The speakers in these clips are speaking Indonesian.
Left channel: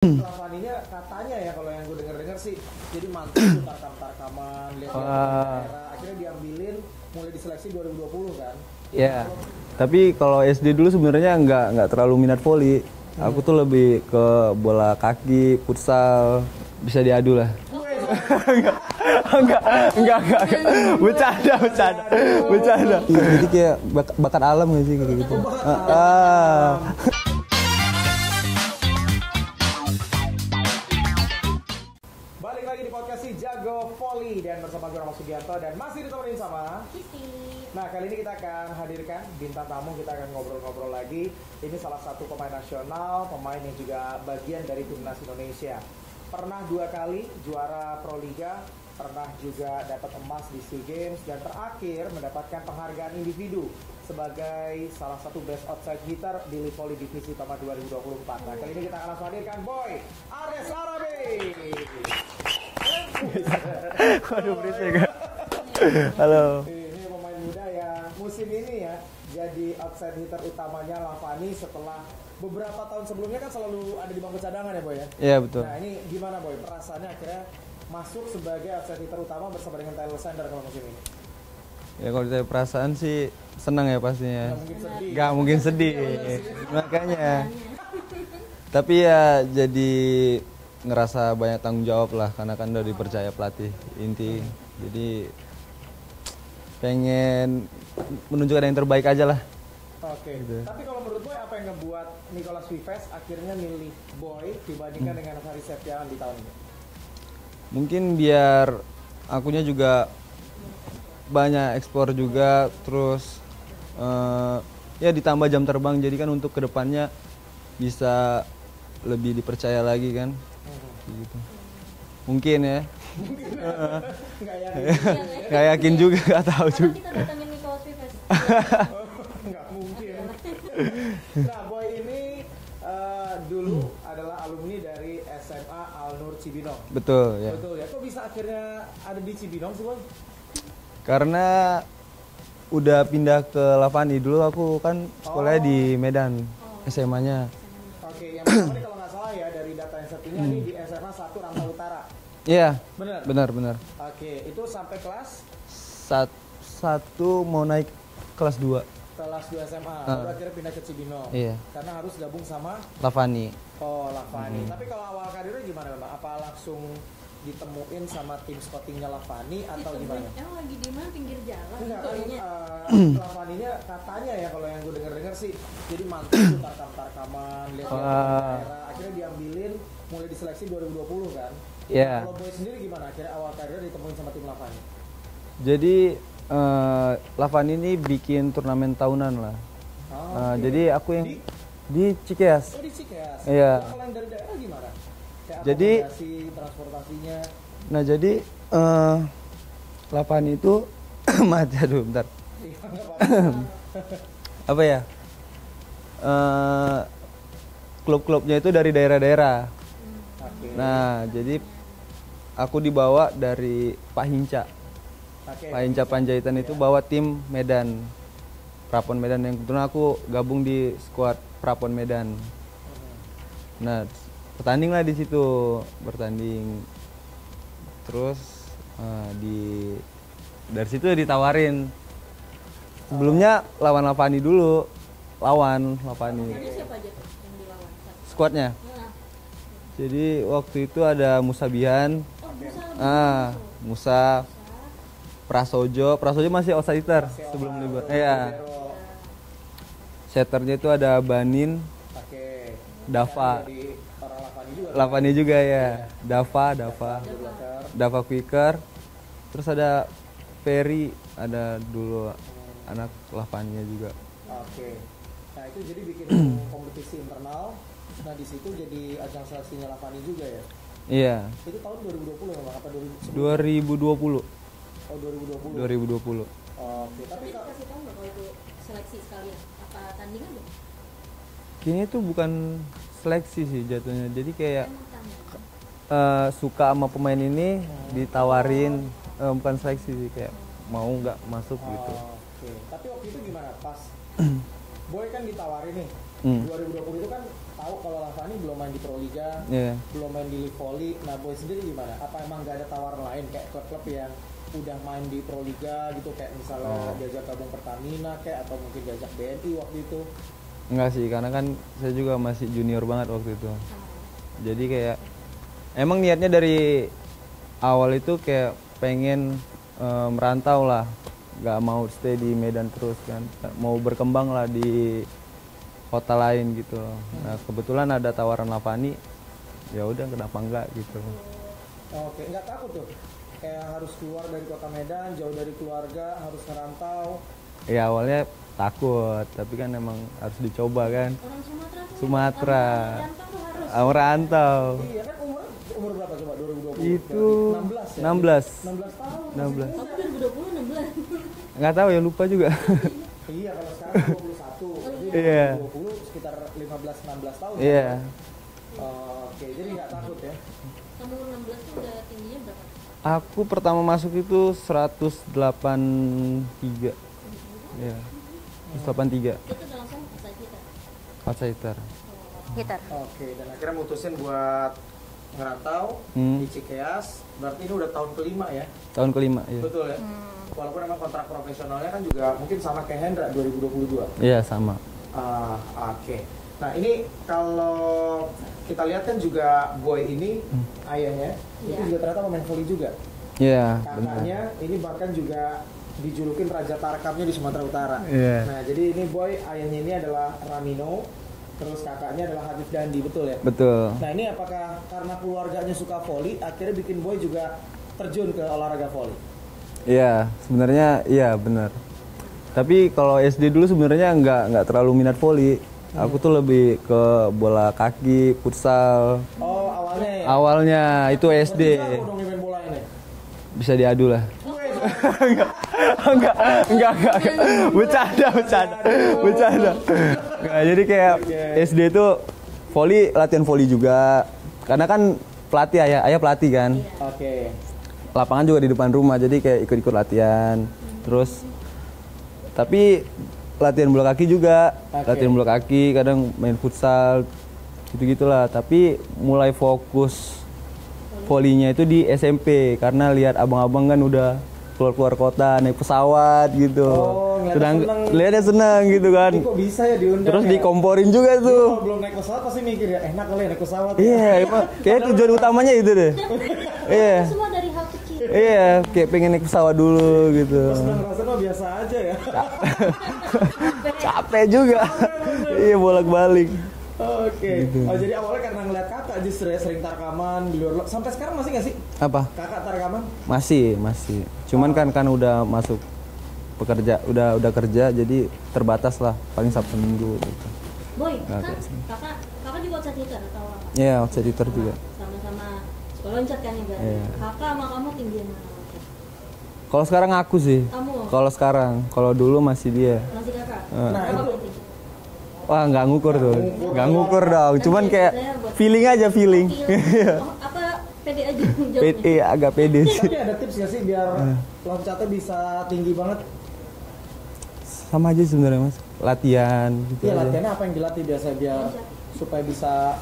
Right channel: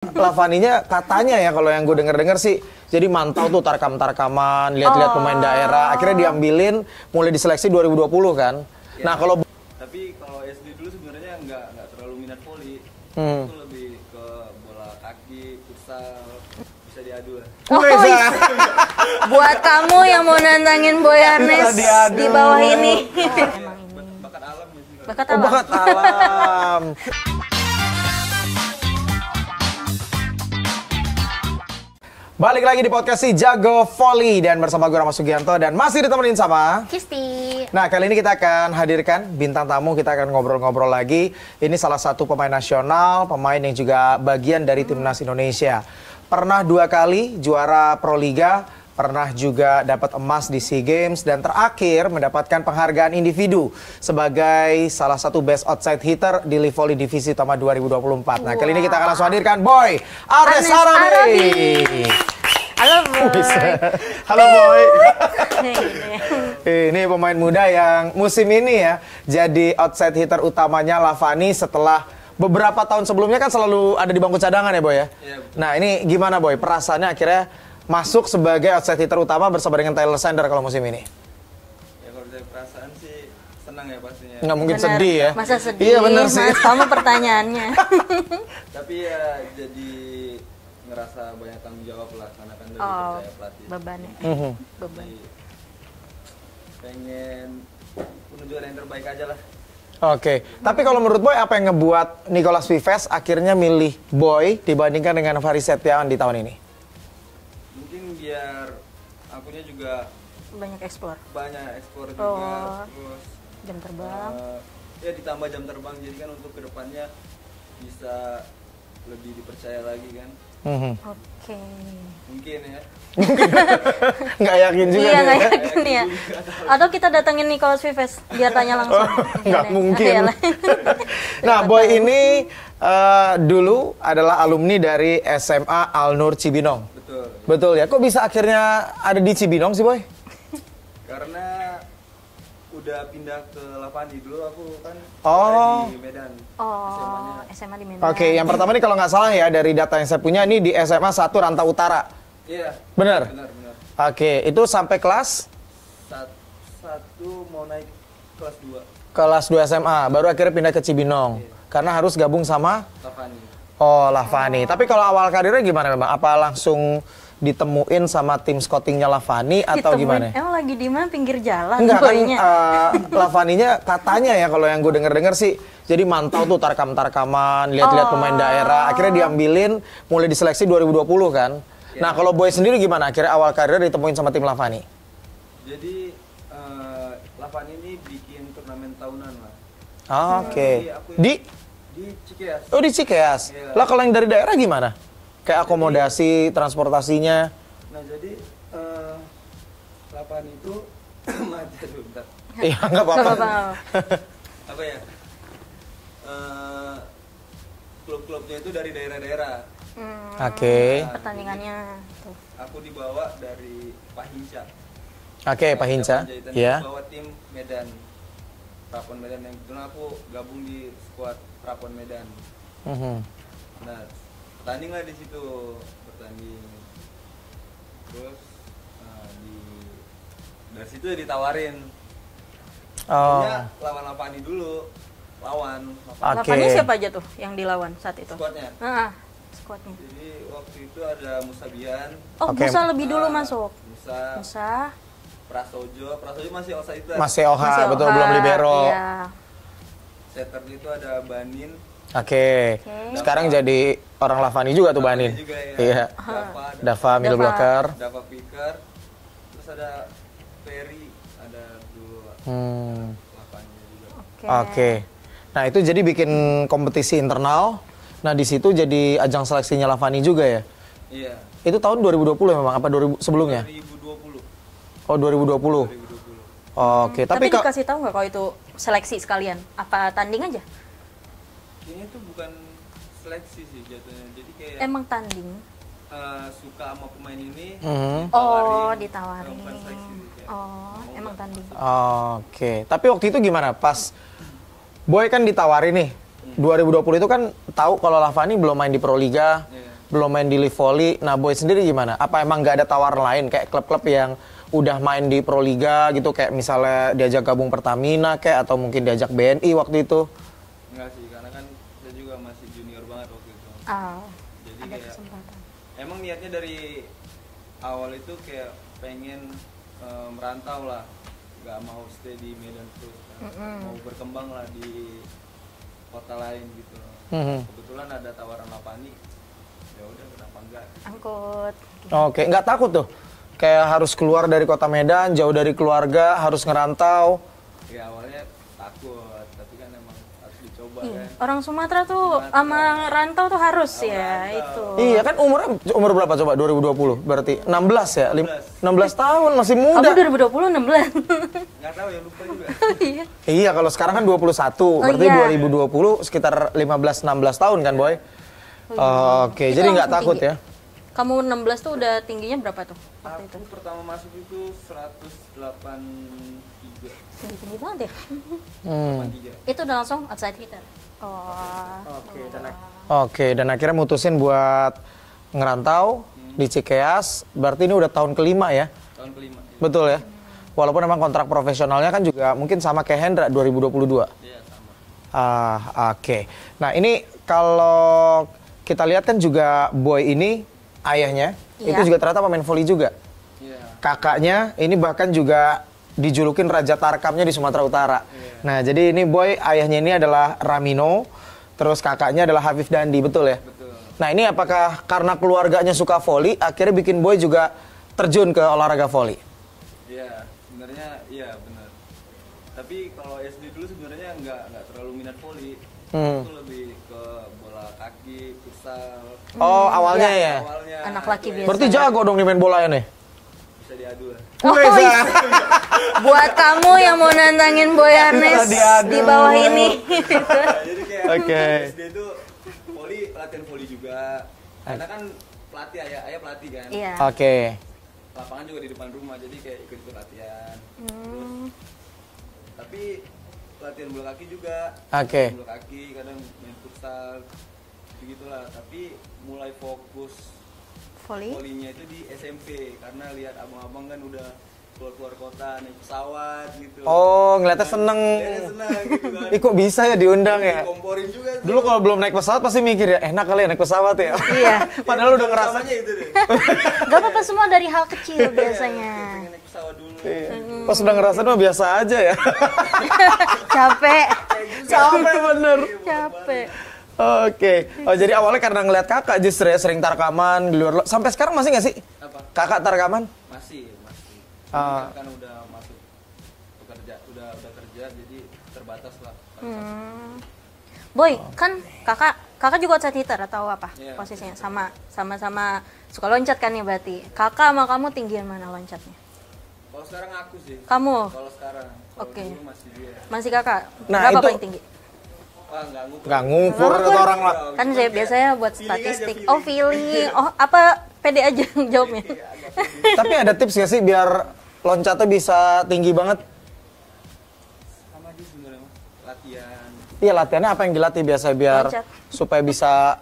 Lavaninya katanya ya kalau yang gue denger-denger sih jadi mantau tuh tarkam-tarkaman, lihat-lihat pemain daerah, akhirnya diambilin mulai diseleksi 2020 kan. Ya, Nah, kalau tapi kalau SD dulu sebenarnya nggak terlalu minat voli. Aku tuh lebih ke bola kaki, futsal, bisa diadu lah. Oh iya. Buat kamu yang mau nantangin Boy Ernest di bawah ini. Ini kayak bakat alam nggak sih? Bakat Gitu. alam. bakat alam. Balik lagi di podcast si Jago Volley dan bersama gue Rama Sugianto dan masih ditemenin sama Kisti. Nah, kali ini kita akan hadirkan bintang tamu, kita akan ngobrol-ngobrol lagi. Ini salah satu pemain nasional, pemain yang juga bagian dari Timnas Indonesia. Pernah 2 kali juara Proliga, pernah juga dapat emas di SEA Games, dan terakhir mendapatkan penghargaan individu sebagai salah satu best outside hitter di Live Volley Divisi Utama 2024. Nah, kali ini kita akan langsung hadirkan Boy Ernest Arabi. Halo Boy. Halo Boy. Halo. Ini pemain muda yang musim ini ya jadi outside hitter utamanya Lavani setelah beberapa tahun sebelumnya kan selalu ada di bangku cadangan ya Boy ya? Iya betul. Nah ini gimana Boy, perasaannya akhirnya masuk sebagai outside hitter utama bersama dengan Tyler Sander kalau musim ini? Ya kalau ditanya perasaan sih senang ya pastinya. Nggak mungkin Benar, sedih ya? masa sedih? Iya bener sih. Mas, sama pertanyaannya. Tapi ya jadi ngerasa banyak tanggung jawab lah karena kan udah Oh, dipercaya pelatih beban. inti. Jadi pengen menunjukkan yang terbaik aja lah. Oke, tapi kalau menurut Boy apa yang ngebuat Nicholas Vives akhirnya milih Boy dibandingkan dengan Faris Setiawan di tahun ini? Mungkin biar akunya juga Banyak eksplor. banyak ekspor juga, Oh. terus Jam terbang. ya ditambah jam terbang jadi kan untuk kedepannya bisa lebih dipercaya lagi kan. Oke. Mungkin ya. Nggak yakin juga. Iya, nggak Nggak yakin Iya. juga, nggak tahu. Atau kita datangin Nicholas Vives, dia tanya langsung. Nggak Iya, mungkin. iya lah. Nah, Boy ini dulu adalah alumni dari SMA Al Nur Cibinong. Betul ya. Betul ya? Kok bisa akhirnya ada di Cibinong sih, Boy? Karena udah pindah ke Lavani, dulu aku kan sekolahnya di Medan, Oh, SMA-nya. SMA di Medan. Oke, yang pertama nih kalau nggak salah ya dari data yang saya punya ini di SMA 1 Rantau Utara. Iya. Benar? Benar. Oke, itu sampai kelas Satu mau naik kelas 2 2 SMA, baru akhirnya pindah ke Cibinong. Iya. Karena harus gabung sama Lavani. Lavani. Tapi kalau awal karirnya gimana memang? Apa langsung ditemuin sama tim scoutingnya Lavani atau Ditemuin. gimana? Emang lagi di mana? Pinggir jalan? Enggak kan, Boynya? Lavaninya katanya ya kalau yang gue denger-denger sih jadi mantau tuh tarkam-tarkaman, lihat-lihat pemain daerah, akhirnya diambilin mulai diseleksi 2020 kan. Iya. Nah kalau Boy sendiri gimana? Akhirnya awal karir ditemuin sama tim Lavani? Jadi Lavani ini bikin turnamen tahunan lah. Oke. Jadi aku yang di Cikeas. Oh di Cikeas? Iya. Lah kalau yang dari daerah gimana? Kayak Jadi- akomodasi, transportasinya? Nah jadi Lavani itu aduh bentar. Iya nggak apa-apa. Apa ya? Klub-klubnya itu dari daerah-daerah. Oke. Nah, jadi Pertandingannya. aku dibawa dari Pak Hinca. Oke Pak Hinca. Panjaitan Iya. itu bawa tim Medan. Prapon Medan yang kebetulan aku gabung di skuad Prapon Medan. Mhm. Nah, bertanding lah di situ, bertanding. Terus dari situ ditawarin. Sebelumnya lawan Lavani dulu. Lawan Lavani. Oke. Lavani siapa aja tuh yang dilawan saat itu? Skuadnya. Squadnya. Jadi waktu itu ada Musabian, Oh, Oke. Musa lebih dulu masuk. Musa, Musa. Prasojo masih outside hitter. Masih Oha, Masih betul Oha, belum libero. Iya. Setternya itu ada Banin, Oke. Dava. Sekarang jadi orang Lavani juga tuh Lavani Bani. juga ya. Iya. Dava, Middle blocker. Dava Quicker. Terus ada Ferry, ada dulu anak Lavani juga. Oke. Nah, itu jadi bikin kompetisi internal. Nah, di situ jadi ajang seleksinya Lavani juga ya. Iya. Itu tahun 2020 memang apa 2000 sebelumnya? 2020. Oh, 2020. 2020. Oke, Tapi tapi kok dikasih tahu nggak kalau itu seleksi sekalian? Apa tanding aja? Kayaknya itu bukan seleksi sih jatuhnya. Jadi kayak Emang tanding. suka sama pemain ini Oh, ditawarin, ditawarin. bukan seleksi sih kayak mau emang nggak tanding. masuk. Oke. Tapi waktu itu gimana? Pas Boy kan ditawarin nih 2020 itu kan tahu kalau Lavani belum main di Proliga, belum main di Live Volley. Nah, Boy sendiri gimana? Apa emang nggak ada tawaran lain kayak klub-klub yang udah main di Proliga gitu, kayak misalnya diajak gabung Pertamina kayak atau mungkin diajak BNI waktu itu? Enggak sih, karena kan saya juga masih junior banget waktu itu. Jadi kayak emang niatnya dari awal itu kayak pengen merantau lah, nggak mau stay di Medan terus kan, mau berkembang lah di kota lain gitu loh. Nah, kebetulan ada tawaran Lavani, ya udah kenapa enggak gitu. Oke, nggak takut tuh? Kayak harus keluar dari kota Medan, jauh dari keluarga, harus ngerantau. Ya awalnya takut, tapi kan emang harus dicoba kan. Orang Sumatera tuh sama rantau tuh harus ya. Rantau. Iya kan umur berapa coba 2020? Berarti 16 ya? 16 tahun, masih muda. Kamu 2020 16. Nggak tahu ya, lupa juga. Iya, kalau sekarang kan 21, berarti 2020 sekitar 15-16 tahun kan, Boy? Oke, jadi nggak takut ya? Kamu 16 tuh udah tingginya berapa tuh? Aku pertama masuk itu 183. Tinggi banget ya? 83. Itu udah langsung outside hitter? Outside hitter. Oke, dan akhirnya mutusin buat ngerantau di Cikeas, berarti ini udah tahun kelima ya? Tahun kelima, iya. Betul ya? Walaupun emang kontrak profesionalnya kan juga mungkin sama kayak Hendra 2022? Iya, sama. Oke. Nah ini kalau kita lihat kan juga Boy ini ayahnya itu juga ternyata pemain volley juga. Iya. Kakaknya ini bahkan juga dijulukin Raja Tarkamnya di Sumatera Utara. Nah jadi ini Boy ayahnya ini adalah Ramino, terus kakaknya adalah Hafif Dandi, betul ya? Betul. Nah ini apakah karena keluarganya suka volley akhirnya bikin Boy juga terjun ke olahraga volley? Iya, sebenarnya iya benar. Tapi kalau SD dulu sebenarnya nggak terlalu minat volley. Aku tuh lebih ke bola kaki, futsal. Oh awalnya ya? Awalnya itu SD. Berarti jago dong nih main bolanya nih? Bisa diadu lah. Buat kamu yang mau nantangin Boy Ernest di bawah ini. Nah, jadi kayak SD itu volley, latihan volley juga. Karena kan pelatih ayah pelatih kan. Oke. Lapangan juga di depan rumah, jadi kayak ikut-ikut latihan. Terus tapi latihan bola kaki juga, latihan bola kaki, kadang main futsal, gitu-gitulah. Tapi mulai fokus volley-nya itu di SMP, karena lihat abang-abang kan udah keluar kota, naik pesawat gitu. Oh, ngeliatnya seneng. Ngeliatnya seneng gitu kan. Ini kok bisa ya diundang. Terus ya? dikomporin juga tuh. Dulu kalau belum naik pesawat pasti mikir ya, enak kali ya naik pesawat ya. Iya. Kayak tujuan utamanya itu deh. Gak apa semua dari hal kecil biasanya. Iya, kayak pengen naik pesawat dulu gitu. Pas udah ngerasain mah biasa aja ya. Capek juga. Capek bener. Iya, bolak-balik. Oke. Oh, jadi awalnya karena ngeliat kakak justru ya sering tarkaman di luar. Sampai sekarang masih nggak sih? Apa? Kakak tarkaman? Masih. Cuman kan udah masuk pekerja, udah kerja, jadi terbatas lah, paling Sabtu Minggu gitu. Boy, kan kakak juga outside hitter atau apa? Iya, outside hitter juga. Sama suka loncat kan ya berarti. Kakak sama kamu tinggian mana loncat? Kalau sekarang aku sih. Kamu? Kalau sekarang, kalau dulu masih dia. Masih kakak? Nah, Berapa itu paling tinggi? Wah, nggak ngukur. Nggak ngukur dong. Kan Cuman kayak biasanya buat feeling aja, statistik. feeling. Oh, feeling. Oh, apa pede aja jawabnya? Iya, agak pede. Tapi ada tips nggak sih biar loncatnya bisa tinggi banget? Sama aja sebenarnya, Mas. Latihan. Gitu Iya, aja. latihannya apa yang dilatih biasa biar Loncat. supaya bisa.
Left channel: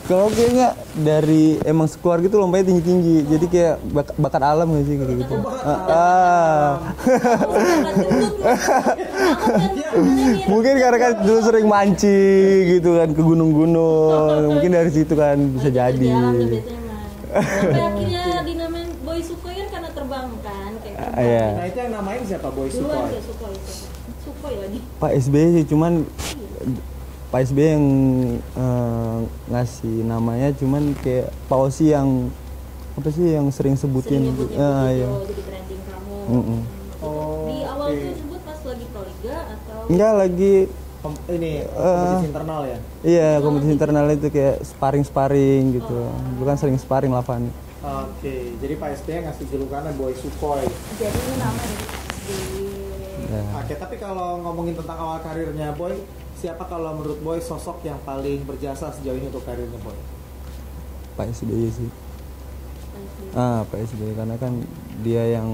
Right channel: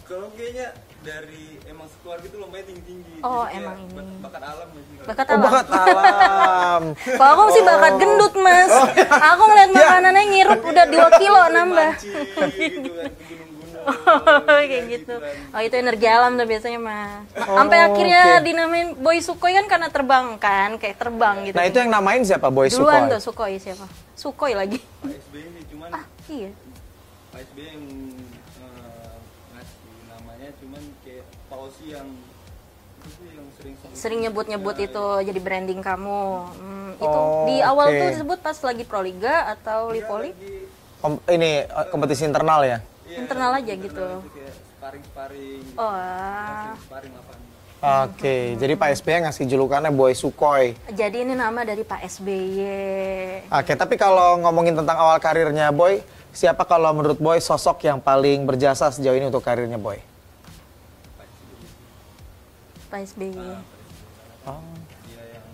Kalau kayaknya dari emang sekeluarga gitu lompatnya tinggi-tinggi. Jadi kayak bakat alam gak sih? Gitu. Bakat Oh, alam. bakat alam. Kalau aku sih bakat gendut, Mas. Aku ngeliat makanannya ngirup Mungkin udah 2 karena kilo dulu sering nambah. mancing gitu kan, ke gunung-gunung. Mungkin dari situ kan Oh, bisa itu jadi. energi alam tuh biasanya, Mas. Sampai akhirnya dinamain Boy Sukhoi kan karena terbang kan, kayak terbang gitu. Nah itu yang namain siapa Boy Duluan Sukhoi? tuh Sukhoi siapa? Sukhoi lagi. Pak SBY sih, cuman Iya. Pak SBY yang ngasih namanya, cuman kayak Pak Osi yang apa sih yang sering sebutin. Sering nyebut-nyebut Ah, itu iya. jadi branding kamu. Itu di awal tuh disebut pas lagi Proliga atau Enggak, lagi Ini kompetisi internal ya? iya, Internal kompetisi aja internal gitu. itu kayak sparring gitu. Bukan sering sparring Lavani. Oke, jadi Pak SBY ngasih julukannya Boy Sukhoi. Jadi ini nama dari Pak SBY. Oke, tapi kalau ngomongin tentang awal karirnya Boy, siapa kalau menurut Boy sosok yang paling berjasa sejauh ini untuk karirnya Boy? Pak SBY sih. Pak SBY. Pak SBY karena kan dia yang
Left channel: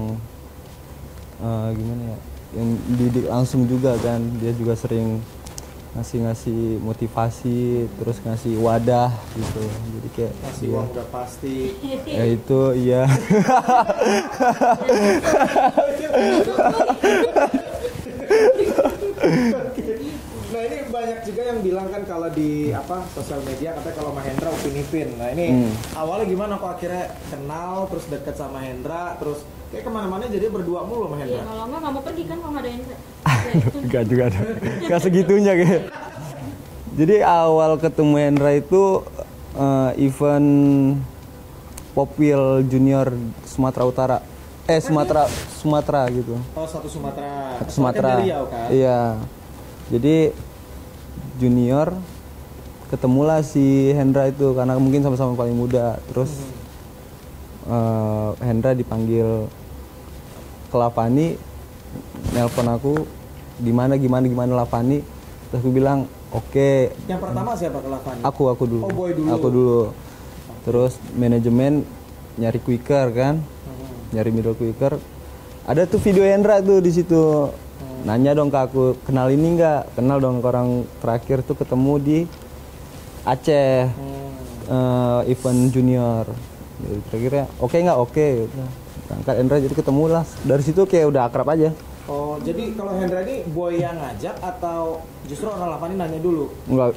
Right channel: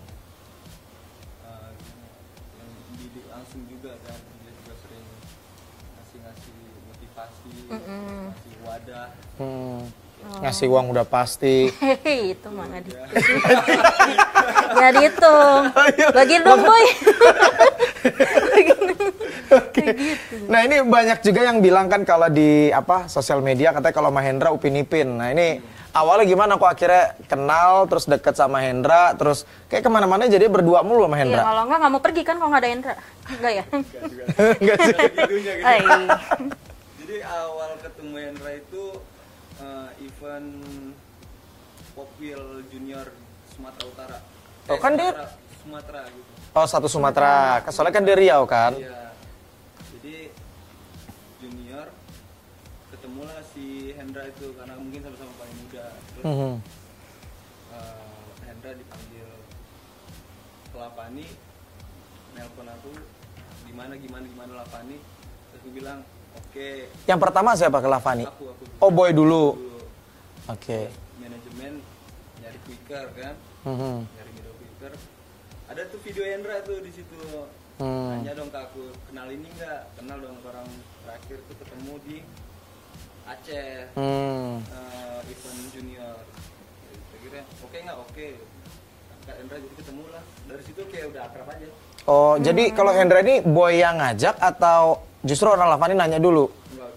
gimana ya, yang didik langsung juga kan, dia juga sering ngasih motivasi, terus ngasih wadah gitu. Jadi kayak ngasih uang udah pasti. ya itu iya. Jadi itu. Begitu boy. Nah ini banyak juga yang bilang kan kalau di sosial media katanya kalau sama Hendra Upin Ipin. Nah ini awalnya gimana kok akhirnya kenal terus deket sama Hendra terus kayak kemana-mana jadi berdua mulu sama Hendra. Iya kalau nggak mau pergi kan kalau nggak ada Hendra. Enggak ya? Enggak segitunya gitu. Jadi awal ketemu Hendra itu event Popwheel Junior Sumatera Utara. Kan Sumatera gitu. Oh satu Sumatera. Soalnya kan dari Riau kan? Iya. Jadi junior ketemulah si Hendra itu karena mungkin sama-sama paling muda. Terus Hendra dipanggil ke Lavani, nelpon aku gimana Lavani. Terus aku bilang oke. Yang pertama siapa ke Lavani? Aku dulu. Oh boy dulu. Aku dulu. Okay. Terus manajemen nyari quicker kan, nyari middle quicker. Ada tuh video Hendra tuh di situ. Nanya dong ke aku, kenal ini nggak? Kenal dong ke orang terakhir tuh ketemu di Aceh, event junior. Jadi terakhirnya oke nggak? Oke. Angkat Hendra jadi ketemu lah. Dari situ kayak udah akrab aja. Oh, jadi kalau Hendra ini boy yang ngajak atau justru orang Lavani nanya dulu? Enggak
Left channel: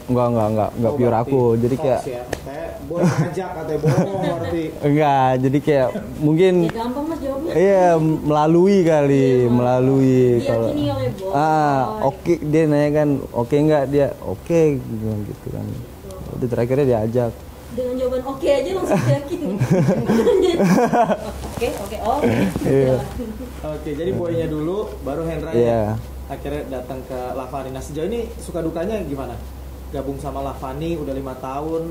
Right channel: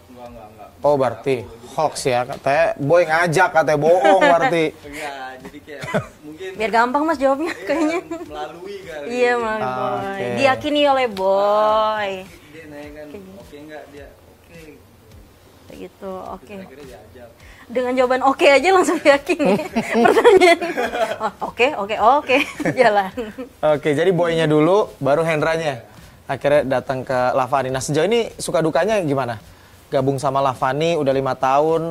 Oh, biar berarti aku. Jadi hoax kayak ya, katanya boy ngajak, katanya bohong berarti. enggak, jadi kayak mungkin Biar gampang mas jawabnya. iya, melalui kali, Iya, melalui. Diyakini oleh boy. Oke, dia nanya kan, oke nggak? Dia oke gitu kan. Gitu. Jadi terakhirnya diajak. Dengan jawaban oke aja langsung yakin ya. Pertanyaan. Oke. Jalan. Oke, jadi boynya dulu, baru Hendranya. Iya. Akhirnya datang ke Lavani. Nah sejauh ini suka dukanya gimana? Gabung sama Lavani udah 5 tahun,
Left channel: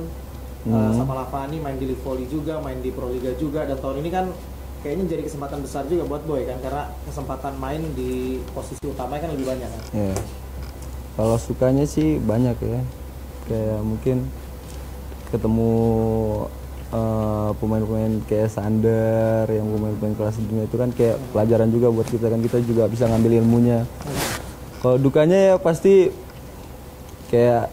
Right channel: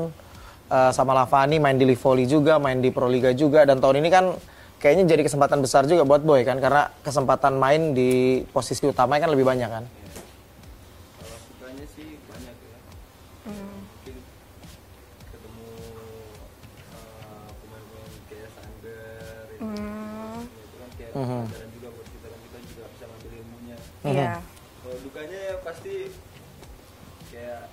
sama Lavani main di Live Volley juga, main di Proliga juga, dan tahun ini kan kayaknya jadi kesempatan besar juga buat boy kan, karena kesempatan main di posisi utamanya kan lebih banyak kan. Iya. Kalau sukanya sih banyak ya, kayak mungkin ketemu pemain-pemain kayak Sander yang pemain-pemain kelas dunia itu kan kayak pelajaran juga buat kita kan, kita juga bisa ngambil ilmunya. Kalau dukanya ya pasti kayak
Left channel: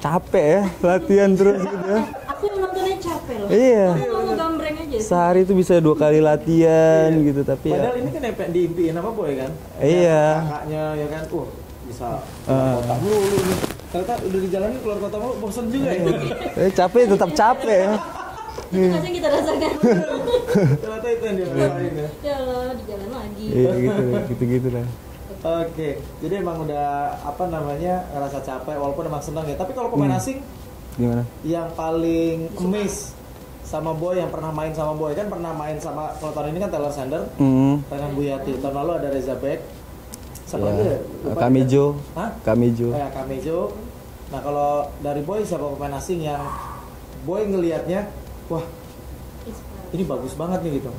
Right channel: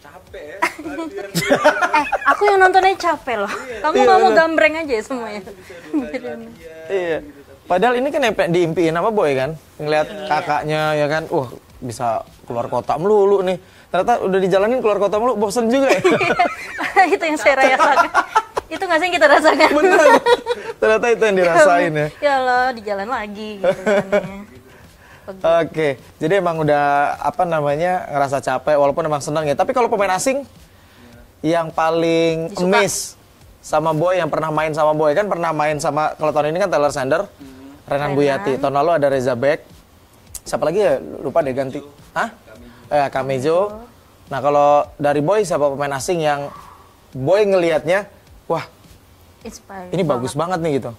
capek ya latihan terus gitu. Aku yang nontonnya capek loh. Iya. Kamu nggak mau gambreng aja itu. Sehari itu bisa 2 kali latihan gitu, tapi Padahal ini kan yang diimpiin sama boy kan, lihat Iya. kakaknya ya kan, bisa keluar kota melulu nih. Ternyata udah dijalanin keluar kota melulu, bosen juga ya. capek Itu tetap yang saya capek ya. rasakan. Itu nggak sih yang kita rasakan. Bener. Ternyata itu yang dirasain ya. Ya Allah, di jalan lagi. Iya gitu lah. Oke, jadi emang udah ngerasa capek walaupun emang senang ya. Tapi kalau pemain asing Gimana? yang paling miss sama boy, yang pernah main sama boy kan, pernah main sama, kalau tahun ini kan Taylor Sander, Renan Guyati. Tahun lalu ada Reza Beck. Siapa lagi ya? Lupa Kamijo. Hah? Kamijo. Kamijo. Nah kalau dari boy siapa pemain asing yang boy ngelihatnya, wah Inspiring ini bagus banget nih gitu?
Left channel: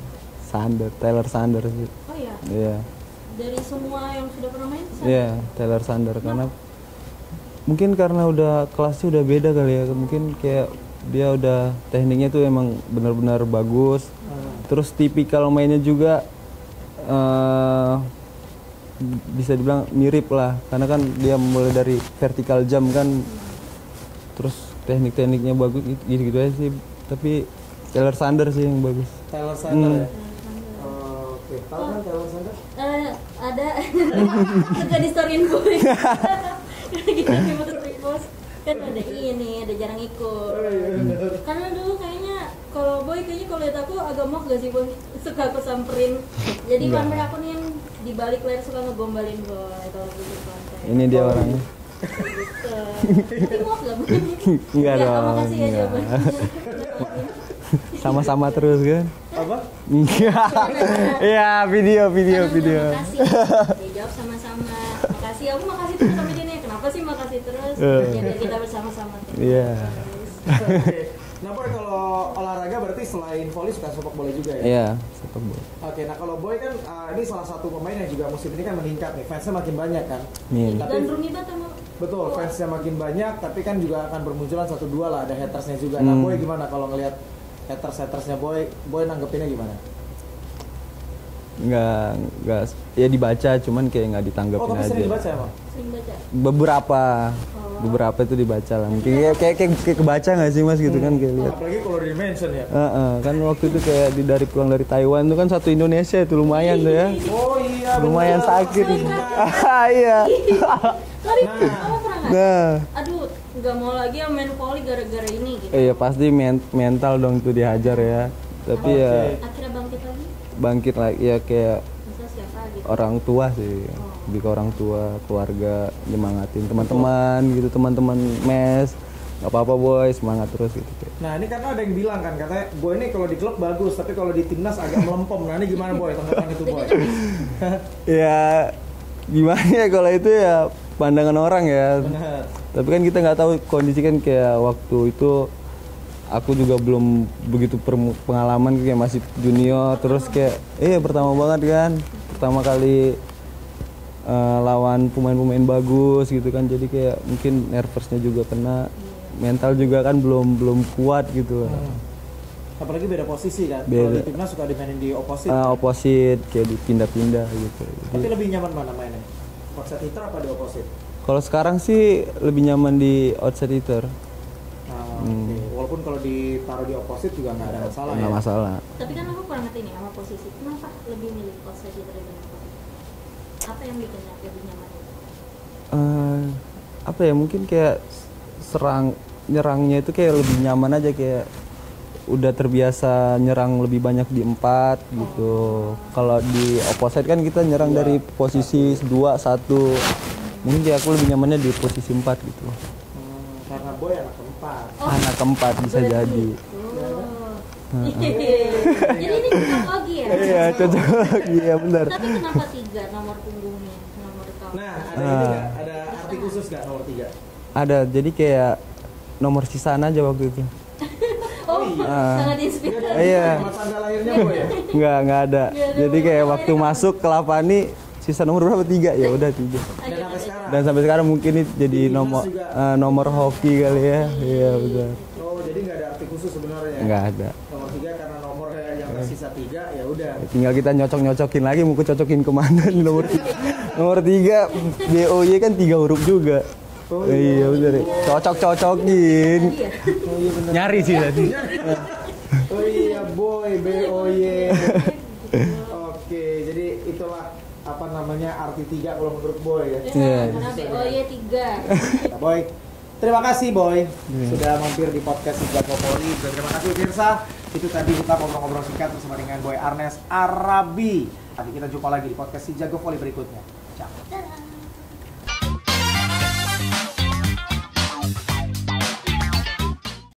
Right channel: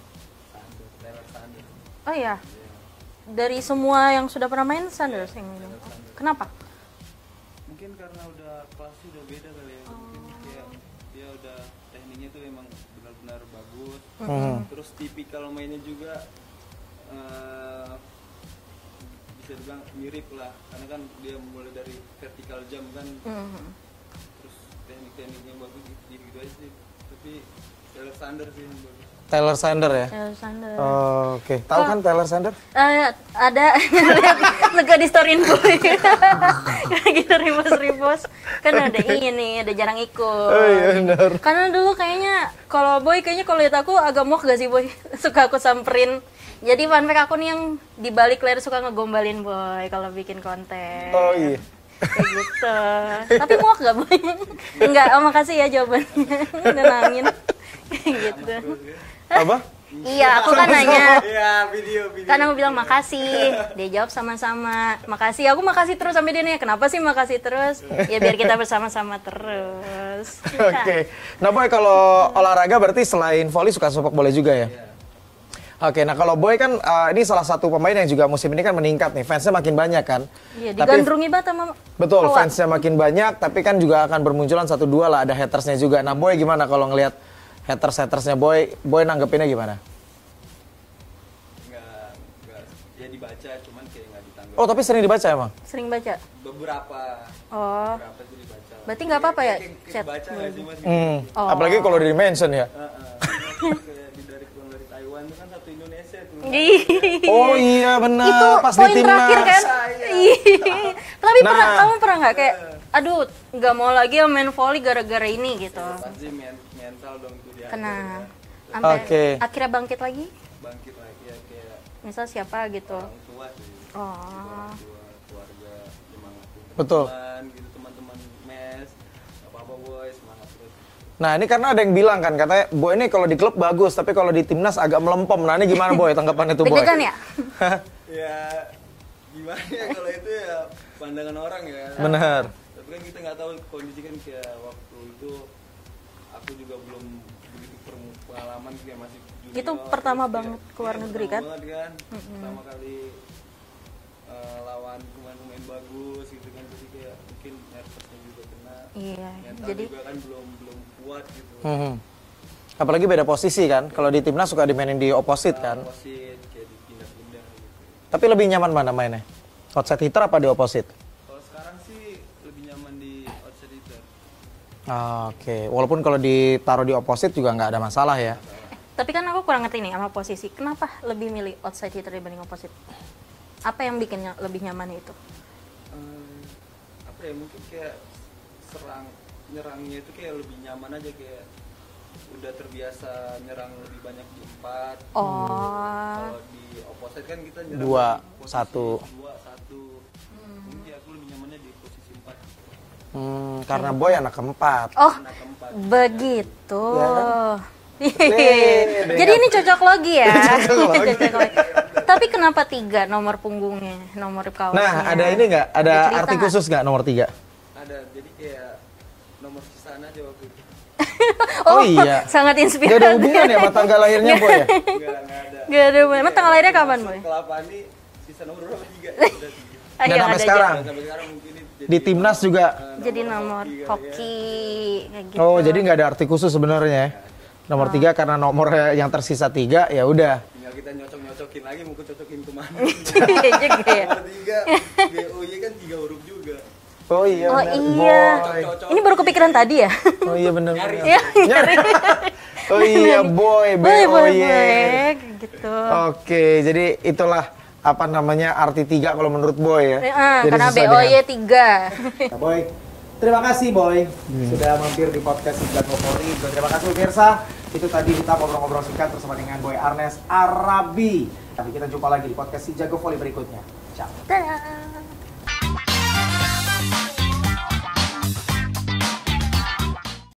Taylor Sander sih. Oh iya. Iya. Dari semua yang sudah pernah main Iya, Sander. Taylor Sander. Kenapa? Mungkin karena udah kelasnya udah beda kali ya. Mungkin kayak dia udah tekniknya tuh emang benar-benar bagus. Terus tipikal mainnya juga bisa dibilang mirip lah, karena kan dia mulai dari vertical jump kan, terus tekniknya bagus gitu aja sih. Tapi Taylor Sander sih yang bagus. Taylor Sander ya? Taylor Sander. Oke. Tahu kan Taylor Sander? Ada suka di storyin boy. Karena kita repost kan ada ini, ada jarang ikut. Oh iya benar. Karena dulu kayaknya kalau boy kalau lihat aku agak muak gak sih boy, suka aku samperin. Jadi fun fact aku nih yang di balik layar suka ngegombalin boy kalau bikin konten. Ini dia. Kayak gitu. Tapi muak gak boy? Enggak. Oh makasih ya jawabannya. Nenangin. Sama-sama terus kan? Apa? Iya, aku kan nanya. Iya, video. Kan aku bilang makasih, dia jawab sama-sama. Makasih, aku makasih terus sampai dia nanya, kenapa sih makasih terus? Ya biar kita bersama-sama terus. Oke. Nah boy, kalau olahraga berarti selain volley suka sepak bola juga ya? Iya. Oke, nah kalau boy kan ini salah satu pemain yang juga musim ini kan meningkat nih, fansnya makin banyak kan? Iya, Tapi digandrungi banget sama betul, Hawa. fansnya makin banyak, tapi kan juga akan bermunculan 1-2 lah, ada hatersnya juga. Nah boy gimana kalau ngelihat hatersnya boy nanggepinnya gimana? nggak ya dibaca, cuman kayak nggak ditanggap. Oh tapi sering dibaca emang? Sering baca? Beberapa itu dibaca lah. Berarti nggak apa-apa kayak kebaca nggak sih mas gitu kan? Kayak gitu. Apalagi kalau di mention ya? Kan waktu itu kayak pulang dari Taiwan itu kan satu Indonesia itu lumayan tuh ya. Oh iya benar. Itu Pasti poin terakhir kan? Saya. Tapi kamu pernah nggak kayak, aduh nggak mau lagi main volley gara-gara ini gitu? Iya pasti mental dong tuh dihajar ya. Tapi akhirnya bangkit lagi ya kayak misal siapa gitu, orang tua sih, lebih ke orang tua, keluarga, nyemangatin teman-teman gitu, teman-teman mes, nggak apa-apa boy, semangat terus gitu. Nah ini karena ada yang bilang kan, katanya boy ini kalau di klub bagus tapi kalau di timnas agak melempem. Nah ini gimana boy tanggapan itu boy? Deg-degan ya? Ya gimana ya kalau itu ya pandangan orang ya. Benar. Tapi kan kita nggak tahu kondisi kan, kayak waktu itu aku juga belum begitu pengalaman, kayak masih junior, terus kayak pertama banget kan, pertama kali lawan pemain-pemain bagus gitu kan, jadi kayak mungkin nervousnya juga kena, mental juga kan belum kuat gitu. Apalagi beda posisi kan, kalau di timnas suka dimainin di opposite kan? Opposite, kayak dipindah-pindah gitu. Tapi lebih nyaman mana mainnya? Outside hitter apa di opposite? Kalau sekarang sih lebih nyaman di outside hitter. Oke. Walaupun kalau ditaruh di opposite juga nggak ada masalah ya? Nggak masalah. Tapi kan aku kurang ngerti nih sama posisi. Kenapa lebih milih outside hitter dibanding opposite? Apa yang bikinnya lebih nyaman itu? Apa ya, mungkin kayak nyerangnya itu kayak lebih nyaman aja, kayak udah terbiasa nyerang lebih banyak di 4 gitu. Kalau di opposite kan kita nyerang dari posisi 2-1. Mungkin kayak aku lebih nyamannya di posisi 4 gitu. Karena boy anak keempat. Anak keempat bisa jadi. Begitu. Jadi ini cocok logi ya. Iya benar. Tapi kenapa 3 nomor punggungnya, nomor kaosnya? Nah ada ini nggak? Ada arti khusus nggak nomor 3? Ada. Jadi kayak nomor sisaan aja waktu itu. Oh iya. Sangat inspiratif. Gak ada hubungan ya sama tanggal lahirnya boy ya? Nggak ada. Gak ada. Emang tanggal lahirnya kapan? Masuk ke Lavani sisa nomor berapa? 3 ya udah 3. Dan sampai sekarang. Dan sampai sekarang mungkin ini jadi di timnas juga nomor hoki kali ya. Iya betul. Oh jadi nggak ada arti khusus sebenarnya? Nggak ada. Nomor 3 karena nomor yang tersisa 3 ya udah. Tinggal kita nyocok-nyocokin lagi, mau cocokin kemana nomor 3 BOY kan 3 huruf juga. Oh iya. Cocok-cocokin. Ini baru kepikiran tadi ya? Oh iya benar. Nyari sih tadi. Oh iya boy. Gitu. Oke, jadi itulah apa namanya arti 3 kalau menurut boy ya. Karena BOY 3. Nah, boy, terima kasih boy sudah mampir di podcast Jago Volley. Terima kasih Tirsa. Itu tadi kita ngobrol-ngobrol singkat bersama dengan Boy Arnes Arabi. Nanti kita jumpa lagi di podcast Jago Volley berikutnya. Ciao.